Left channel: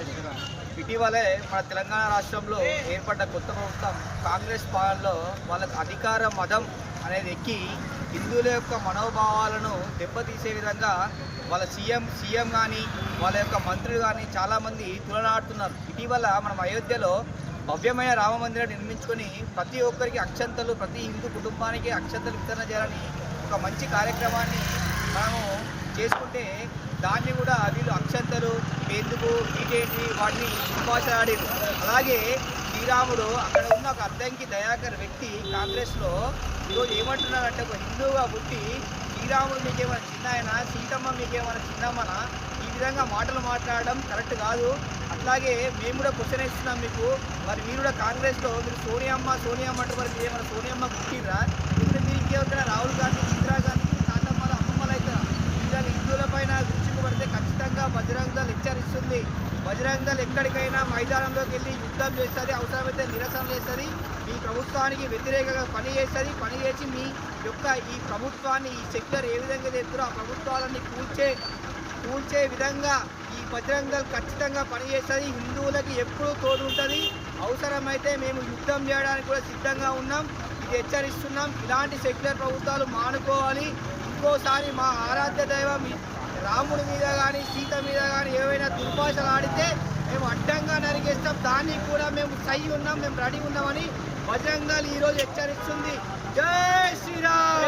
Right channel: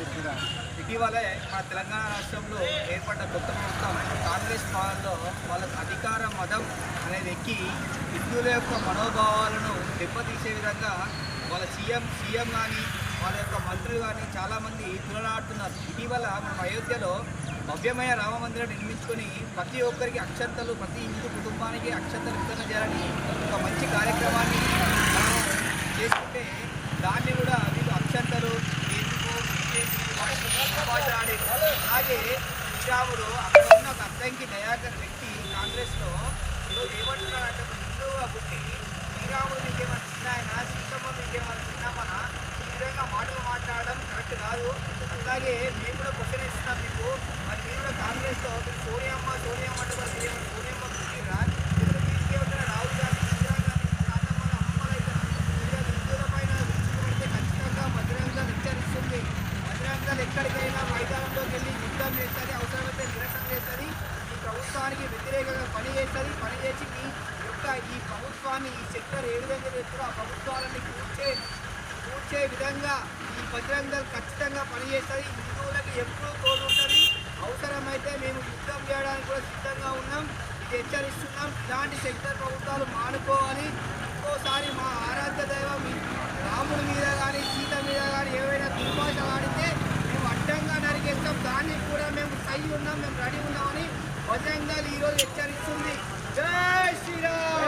ఇటీవలే మన తెలంగాణ రాష్ట్రంలో ఏర్పడ్డ కొత్త ప్రభుత్వం కాంగ్రెస్ పాలనలో వాళ్ళ అధికార మతం అనేది ఎక్కి హిందువుల యొక్క మనోభావాలను దెబ్బతీసే విధంగా వాళ్ళ సీఎం సీఎం కానీ వాళ్ళ యొక్క మంత్రులు కానీ చాలామంది తులనాడుతున్నారు ఇటీవల మనం అయోధ్యలో భవ్యమైన రామ మందిరం నిర్మించుకొని ప్రతి ఒక్కరికి అక్షంతలు ప్రతి హిందూ కుటుంబానికి అక్షంతలు వితరణ చేయాలని ఒక మంచి కార్యక్రమాన్ని మనము చేసుకుంటే దాన్ని ఎందుకు బీజేపీ వాటిని ఉపవాసాడారు అలాగే శ్రీరాముడు అక్కడ ఉన్న ఒక అద్దంకి దయాకర్ వ్యక్తి కాంగ్రెస్లో ఈరోజు ఏమంటున్నాడంటే ఒక హిందువుగా పుట్టి శ్రీరాముడు మీకేమైనా చిన్న ఆయన సీతమ్మ మీకేమైనా చిన్నమ్మనా ఈ విధంగా మాటలు మాట్లాడడం కరెక్ట్ కాదు. అట్లాగే మేము కూడా క్వశ్చన్ ఇస్తున్నాం మీకు. మరి మీరు కూడా కాంగ్రెస్లో మీరు సోనియమ్మ సోనియమ్మ అంటే మరి మీరు ఏమైనా సోనియమ్మ హెచ్చరిస్తుంది. బజరంగల్ ఎక్కడికైనా మైదానంలోకి వెళ్ళి యుద్ధం చేస్తుంది అవసరమైతే నిరసన చేస్తుంది ఈ ప్రభుత్వానికి వ్యతిరేకంగా పని చేస్తుంది పని చేసి మీ యొక్క ఈ ప్రభుత్వాన్ని ఈ సెక్టర్ ఏ విధంగా చేస్తారో ఆ ప్రభుత్వాలన్నీ కూల్చే కూల్చే విధంగా ఈ బజరంగల్ ఖచ్చితంగా పనిచేస్తుంది హిందువులకి ఎప్పుడూ తోడు ఉంటుంది. అవసరమైతే మేము యుద్ధం చేయడానికి కూడా సిద్ధంగా ఉన్నాం. ఇది హెచ్చరిస్తున్నాం. ఇలాంటి సెక్టర్ ప్రభుత్వాలు మానుకోవాలి. ఇంకోసారి మా ఆరాధ్య దైవం రాముడి మీద కానీ సీత మీద కానీ ఏవైనా దుర్భాషలు ఆడితే మేము అడ్డంగా నరికేస్తాం. దానికి కూడా మేము సై ఉన్నాం మేము రెడీ ఉన్నామని బజరంగ ఈరోజు హెచ్చరిస్తుంది. జై శ్రీరామ్!